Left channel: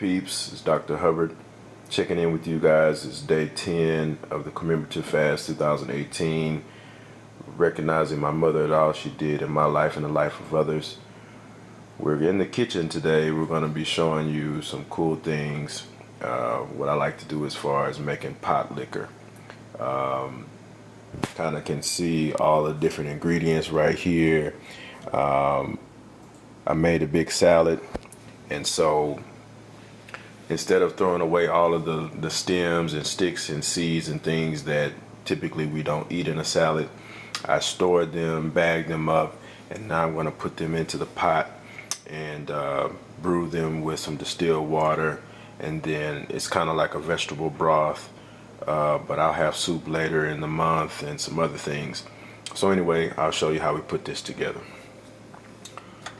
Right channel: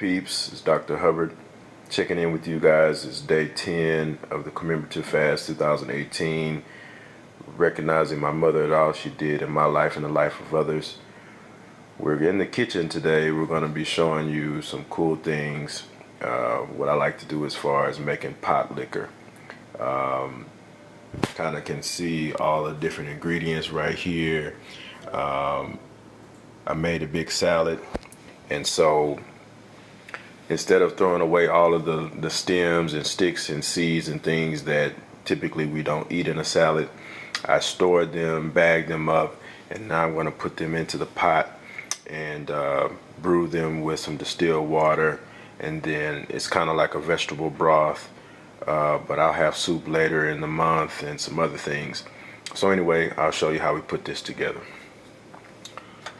peeps? It's Dr. Hubbard checking in with you guys. It's day 10 of the Commemorative Fast 2018. Recognizing my mother and all she did in my life and the life of others. We're in the kitchen today. We're going to be showing you some cool things. What I like to do as far as making pot liquor. Kind of can see all the different ingredients right here. I made a big salad, and so instead of throwing away all of the stems and sticks and seeds and things that typically we don't eat in a salad, I stored them, bagged them up, and now I'm going to put them into the pot and brew them with some distilled water, and then it's kind of like a vegetable broth, but I'll have soup later in the month and some other things. So anyway, I'll show you how we put this together.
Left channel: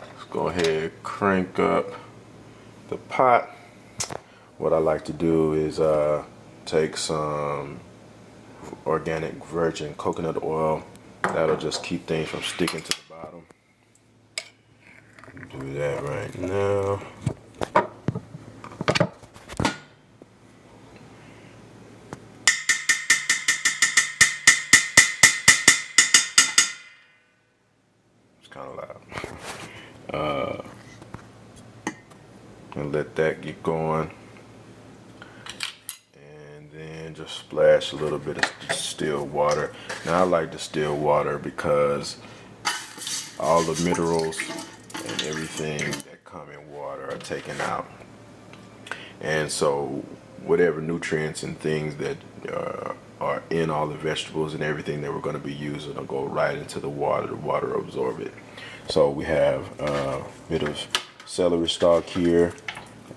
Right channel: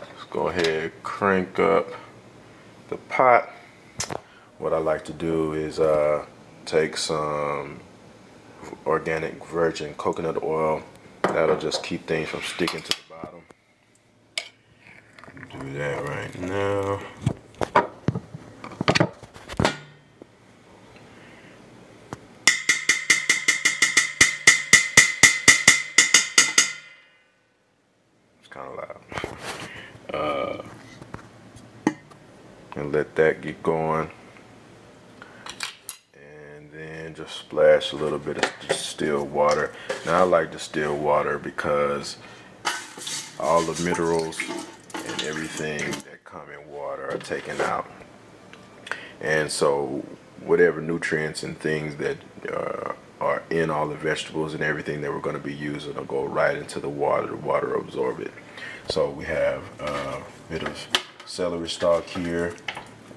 Let's go ahead, crank up the pot. What I like to do is take some organic virgin coconut oil. That'll just keep things from sticking to the bottom. Do that right now. It's kind of loud. And let that get going. And then just splash a little bit of distilled water. Now I like distilled water because all the minerals and everything that come in water are taken out. And so whatever nutrients and things that are in all the vegetables and everything that we're going to be using will go right into the water. The water will absorb it. So we have a bit of celery stalk here.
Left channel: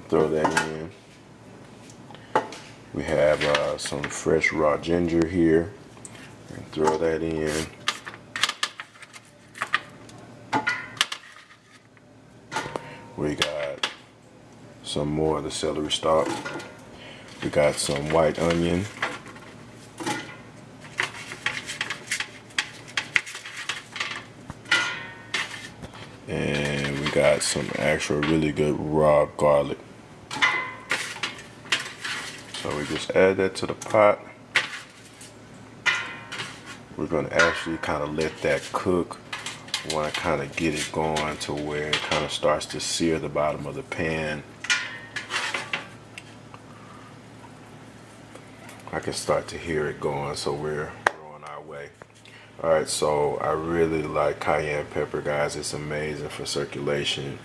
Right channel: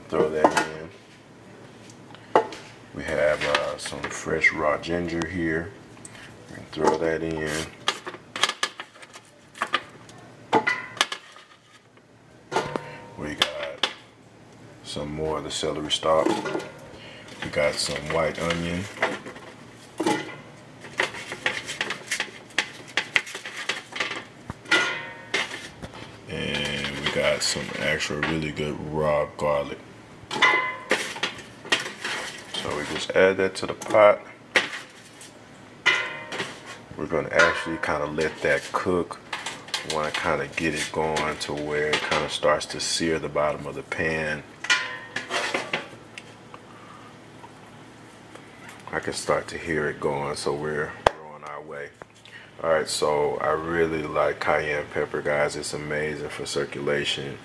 Throw that in. We have some fresh raw ginger here. Throw that in. We got some more of the celery stalk. We got some white onion. And we got some actual really good raw garlic. So we just add that to the pot. We're going to actually kind of let that cook. We want to kind of get it going to where it kind of starts to sear the bottom of the pan. I can start to hear it going, so we're on our way. Alright, so I really like cayenne pepper, guys. It's amazing for circulation.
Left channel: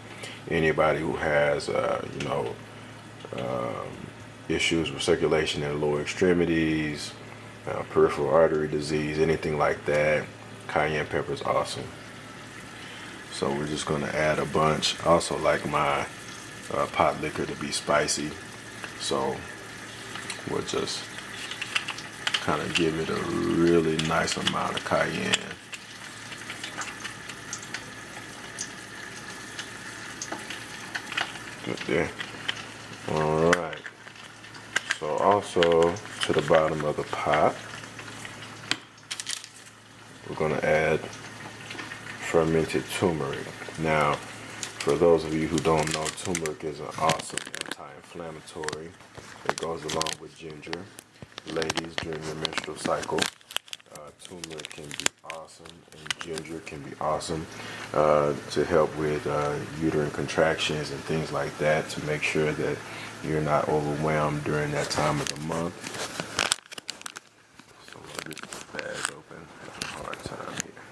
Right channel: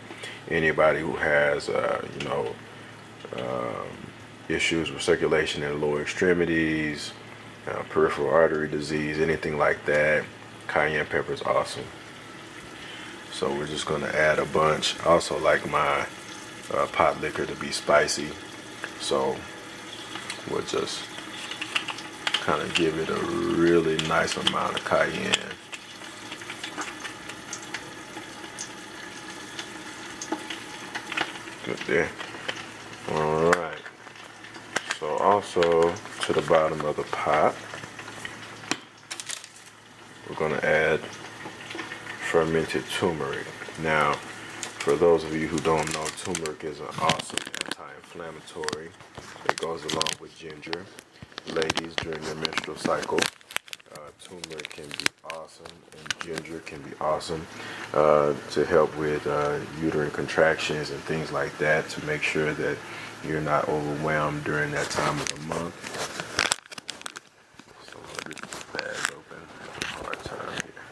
Anybody who has, issues with circulation in lower extremities, peripheral artery disease, anything like that, cayenne pepper is awesome. So we're just going to add a bunch. I also like my pot liquor to be spicy, so we'll just kind of give it a really nice amount of cayenne. Good there. Alright. So also to the bottom of the pot, we're going to add fermented turmeric. Now, for those of you who don't know, turmeric is an awesome anti-inflammatory. It goes along with ginger. Ladies, during their menstrual cycle, turmeric can be awesome, and ginger can be awesome to help with uterine contractions and things like that, to make sure that you're not overwhelmed during that time of the month. So I'm going to get this bag open. Having a hard time here.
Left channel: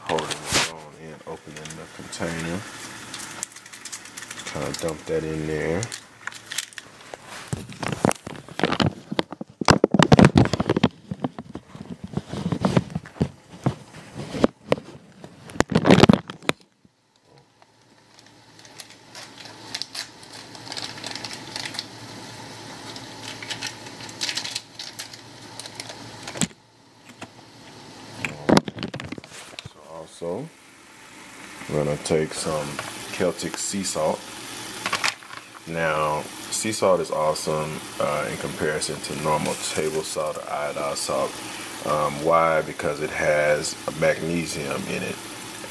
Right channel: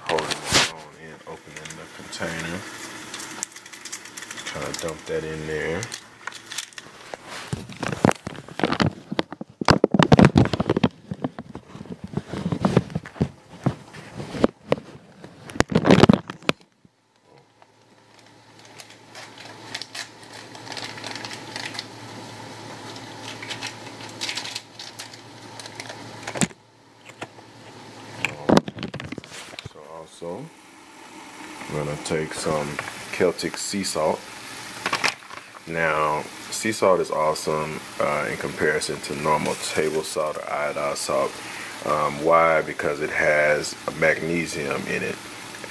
Holding the phone and opening the container. Kind of dump that in there. So we're going to take some Celtic sea salt. Now, sea salt is awesome in comparison to normal table salt or iodized salt. Why? Because it has magnesium in it.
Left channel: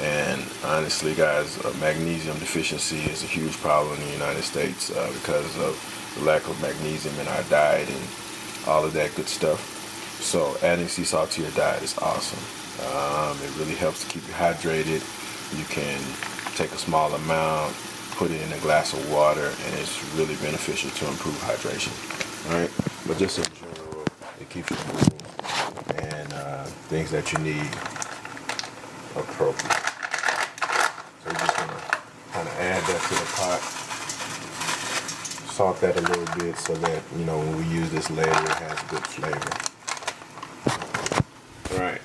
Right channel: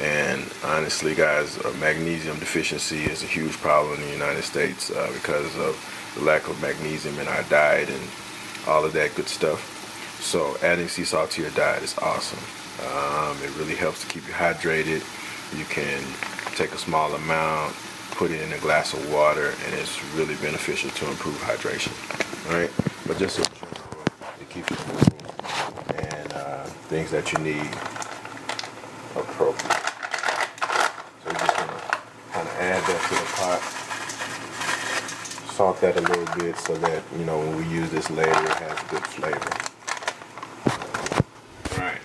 And honestly, guys, magnesium deficiency is a huge problem in the United States because of the lack of magnesium in our diet and all of that good stuff. So adding sea salt to your diet is awesome. It really helps to keep you hydrated. You can take a small amount, put it in a glass of water, and it's really beneficial to improve hydration. All right, but just in general, it keeps your moving and things that you need appropriate. So you're just gonna kind of add that to the pot, salt that a little bit so that when we use this later, it has good flavor. All right.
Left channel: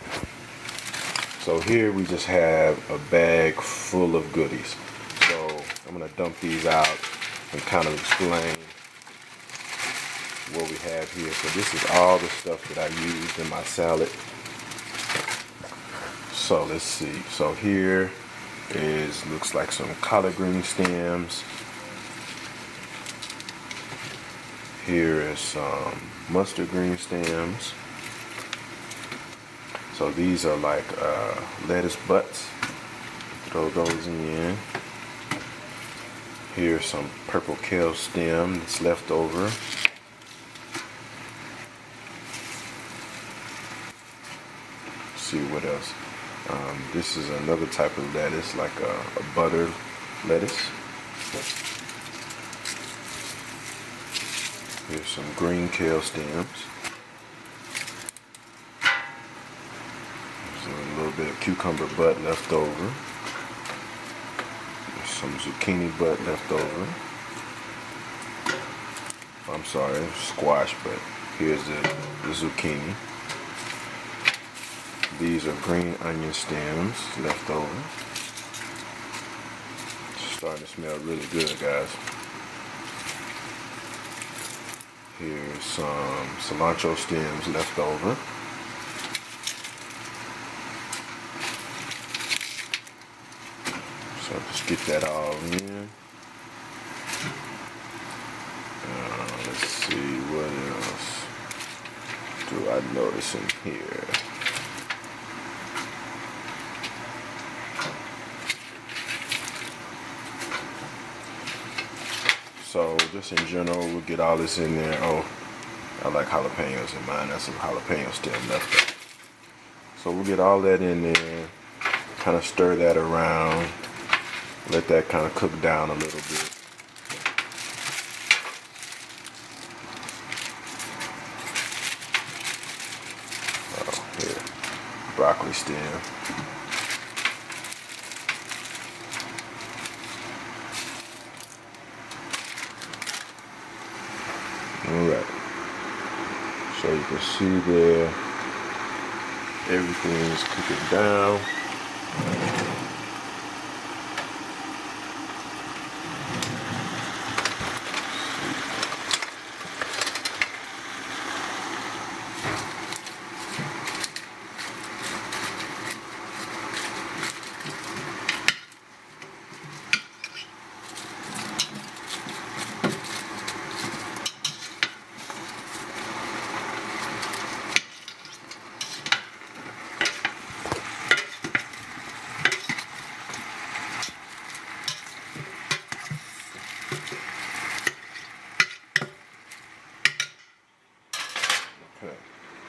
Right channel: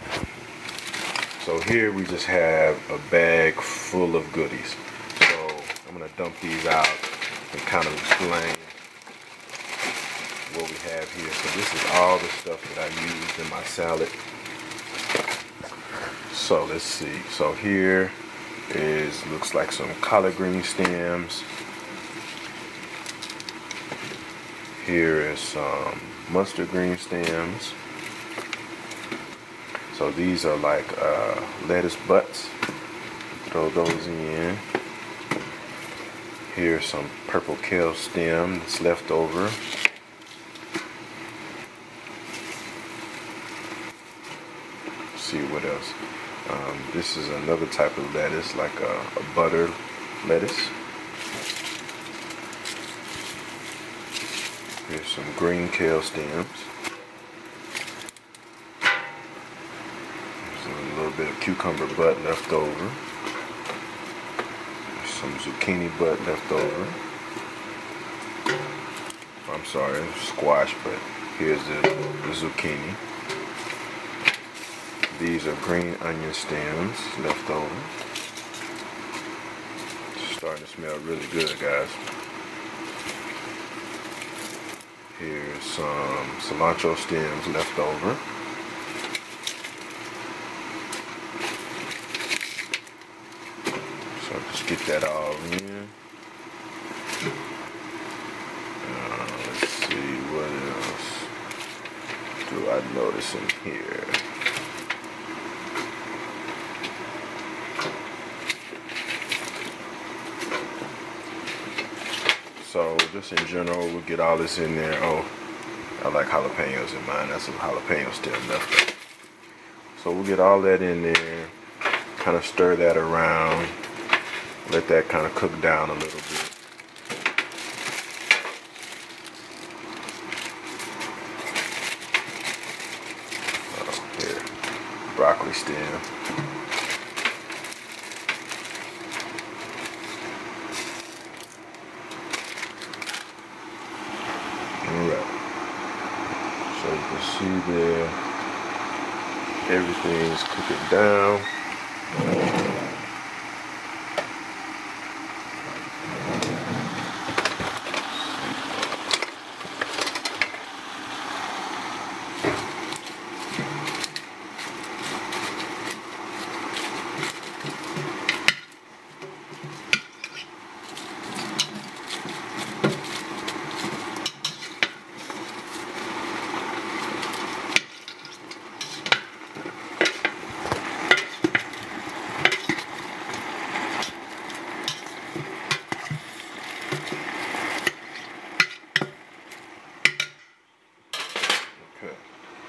So here we just have a bag full of goodies. So I'm going to dump these out and kind of explain what we have here. So this is all the stuff that I used in my salad. So let's see. So here looks like some collard green stems. Here is some mustard green stems. So these are like lettuce butts. Throw those in. Here's some purple kale stem that's left over. Let's see what else. This is another type of lettuce, like a butter lettuce. Here's some green kale stems. A little bit of cucumber butt left over. Some zucchini butt left over. I'm sorry, squash, but here's the zucchini. These are green onion stems left over. It's starting to smell really good, guys. Here's some cilantro stems left over. So just get that all in. Let's see, what else do I notice in here? So just in general, we'll get all this in there. Oh, I like jalapenos in mine. That's some jalapeno stem left over. So we'll get all that in there, kind of stir that around. Let that kind of cook down a little bit. Oh, here. Broccoli stem. Alright. So you can see there, everything is cooking down.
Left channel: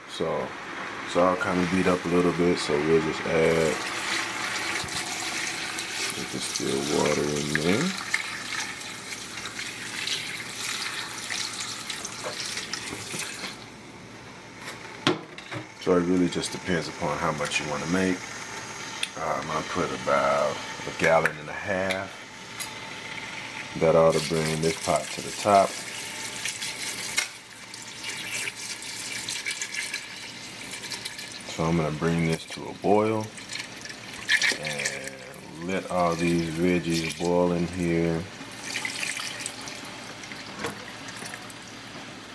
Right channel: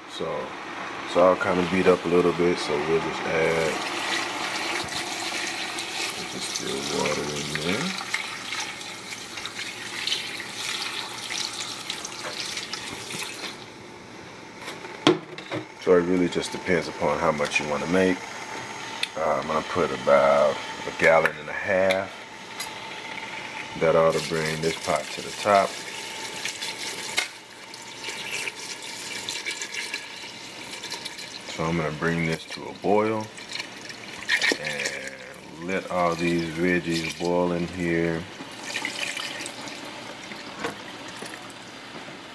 So it's all kind of beat up a little bit, so we'll just add distilled water in there. So it really just depends upon how much you want to make. I'm going to put about 1.5 gallons. That ought to bring this pot to the top. So I'm going to bring this to a boil and let all these veggies boil in here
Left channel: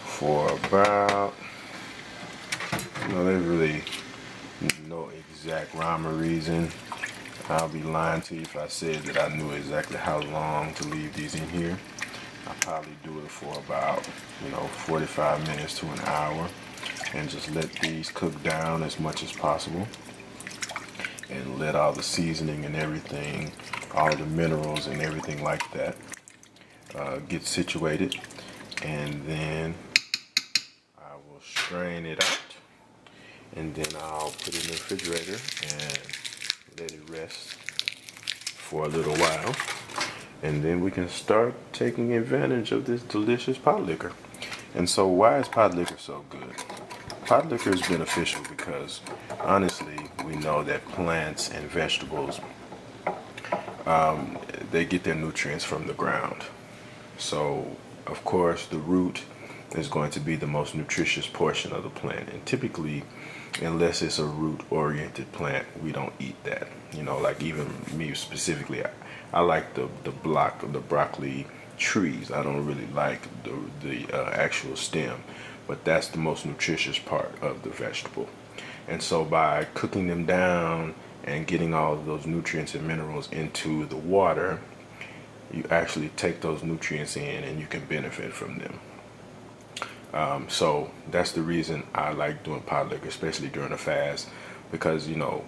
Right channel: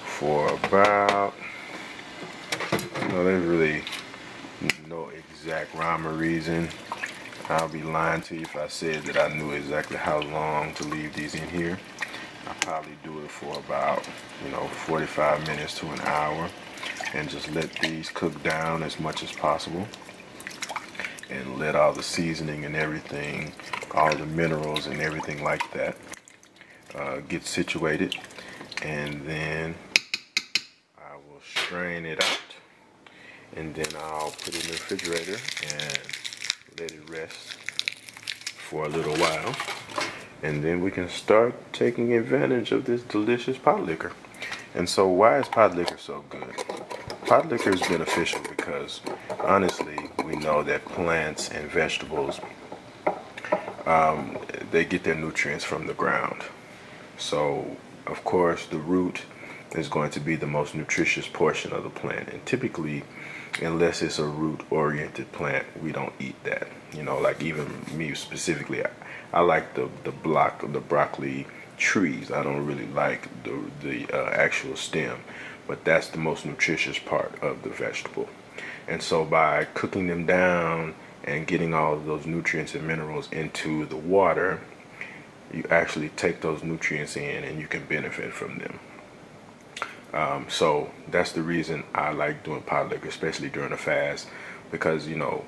for about, there's really no exact rhyme or reason. I'll be lying to you if I said that I knew exactly how long to leave these in here. I'll probably do it for about, 45 minutes to an hour. And just let these cook down as much as possible. and let all the seasoning and everything, all the minerals and everything like that get situated. And then I will strain it out, and then I'll put it in the refrigerator and let it rest for a little while, and then we can start taking advantage of this delicious pot liquor. And so why is pot liquor so good? Pot liquor is beneficial because honestly we know that plants and vegetables, they get their nutrients from the ground. So of course the root is going to be the most nutritious portion of the plant, and typically, unless it's a root oriented plant, we don't eat that. You know, like even me specifically, I like the broccoli trees. I don't really like the actual stem, but that's the most nutritious part of the vegetable. And so by cooking them down and getting all of those nutrients and minerals into the water, you actually take those nutrients in and you can benefit from them. So that's the reason I like doing pot liquor, especially during a fast, because you know,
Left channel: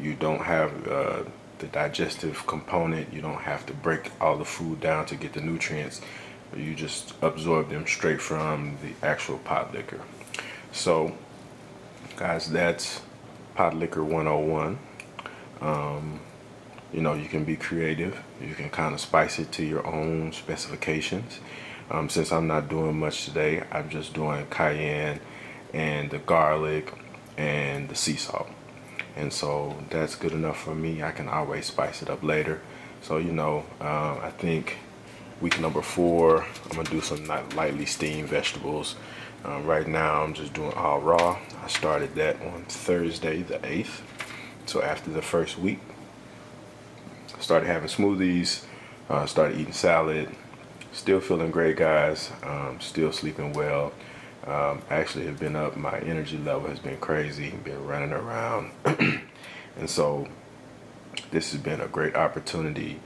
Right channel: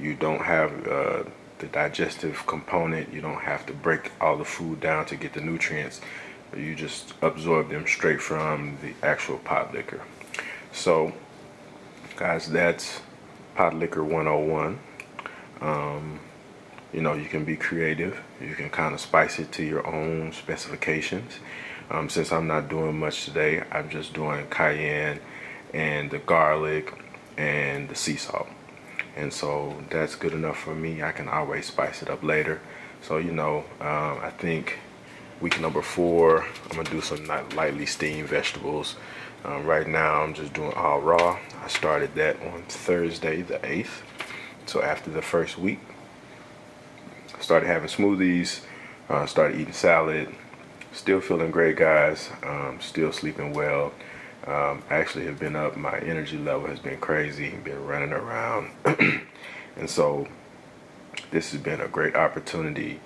you don't have the digestive component. You don't have to break all the food down to get the nutrients. You just absorb them straight from the actual pot liquor. So guys, that's pot liquor 101. You know, you can be creative. You can kind of spice it to your own specifications. Since I'm not doing much today, I'm just doing cayenne and the garlic and the sea salt. And so that's good enough for me. I can always spice it up later. So, you know, I think week number 4, I'm going to do some lightly steamed vegetables. Right now, I'm just doing all raw. I started that on Thursday, the 8th. So after the first week, I started having smoothies, started eating salad. Still feeling great, guys. Still sleeping well. Actually have been up. My energy level has been crazy. Been running around. And so this has been a great opportunity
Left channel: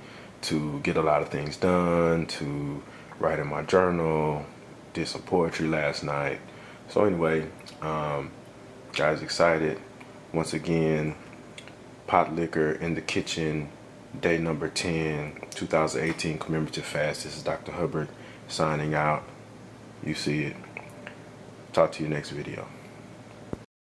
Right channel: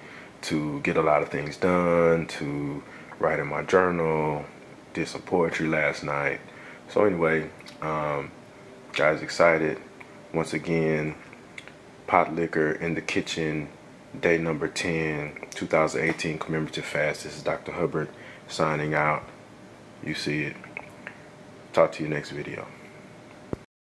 to get a lot of things done, to write in my journal, did some poetry last night. So anyway, guys, excited. Once again, pot liquor in the kitchen. Day number 10, 2018 commemorative fast. This is Dr. Hubbard signing out. You see it. Talk to you next video.